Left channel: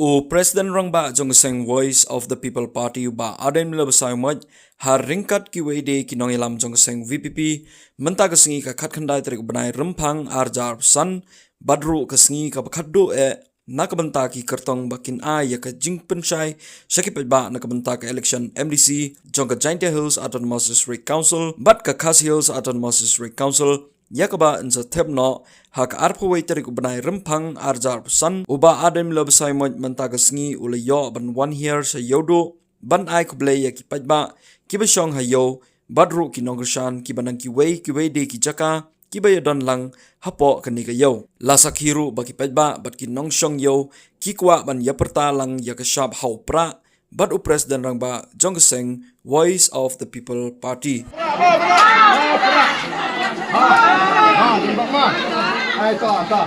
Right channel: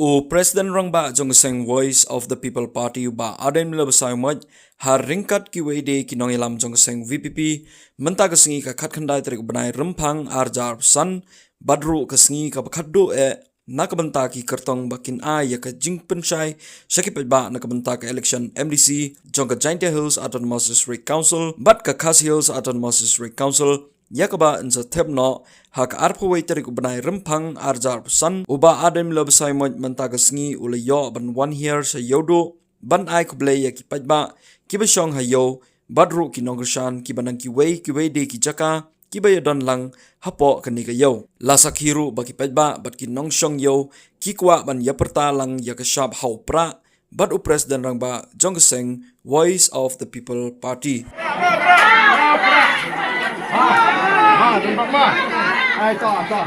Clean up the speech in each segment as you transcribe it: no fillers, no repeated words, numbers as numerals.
O President Rangba Jongseng Voice of the People Party ba Aden Milabasai Moj har ringkat ki wede ki nongilam Jongseng VPP menta kesengi ka khat khandai trik banai rempang arjar san badru kesengi ka bakhaddo nakabenta ki kertong bakin ya ka jingpenshai sakipet ba nakabenta ka election MDC jongka Jaintia Hills Autonomous District Council bat ka Khas Hills Autonomous District Council yakaba insa thepno hak arpawai tarik ubanai rempang arjar san uba adem labasai moj menta kesengi ulayo ban 1 year sa yodo ban ai kuble yaki pajba kibashong hayo badru ki nongrshan kibanang kiwei de ki jaka kibayadon lang hapo kanika yo lasak hiru baki pajba bat ki nongshong yo kikwa ban yaperta lang yakashab haupra bat u President Rangba Jongseng Voice of the People Party tembak mah. Ai tak.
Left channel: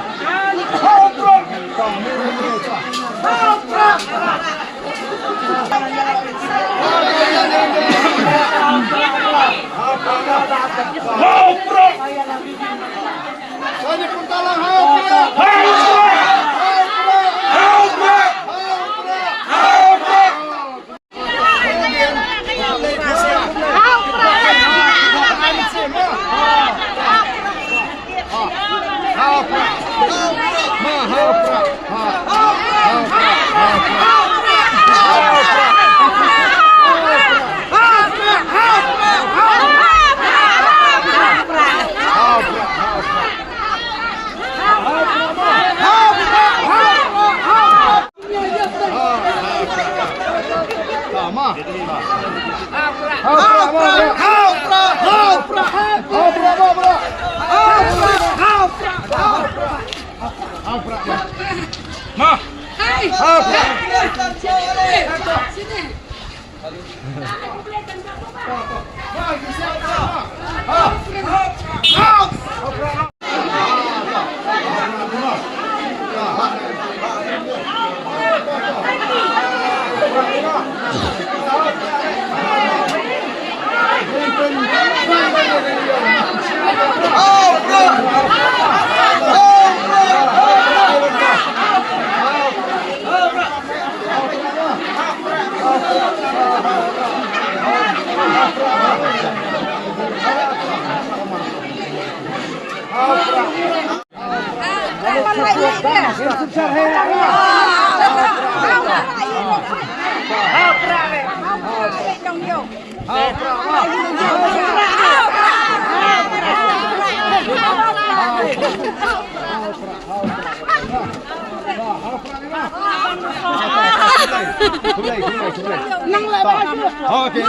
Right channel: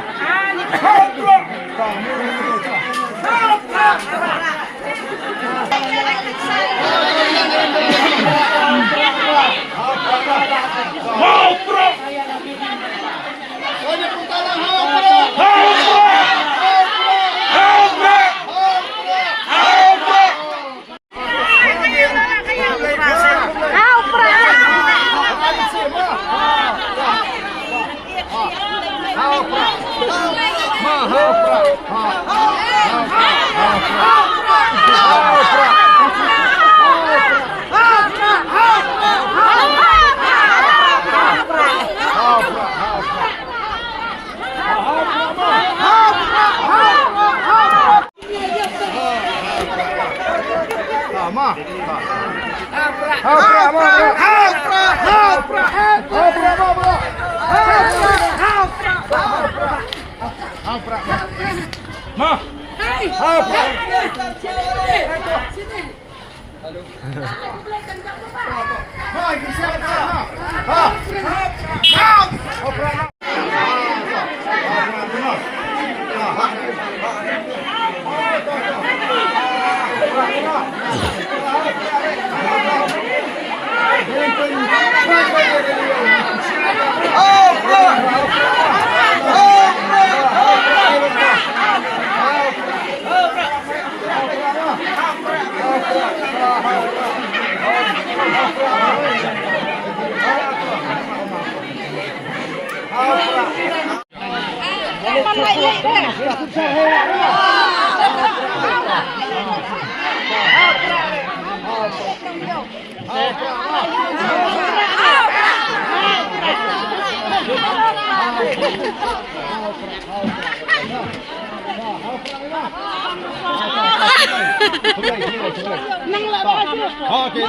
Okey,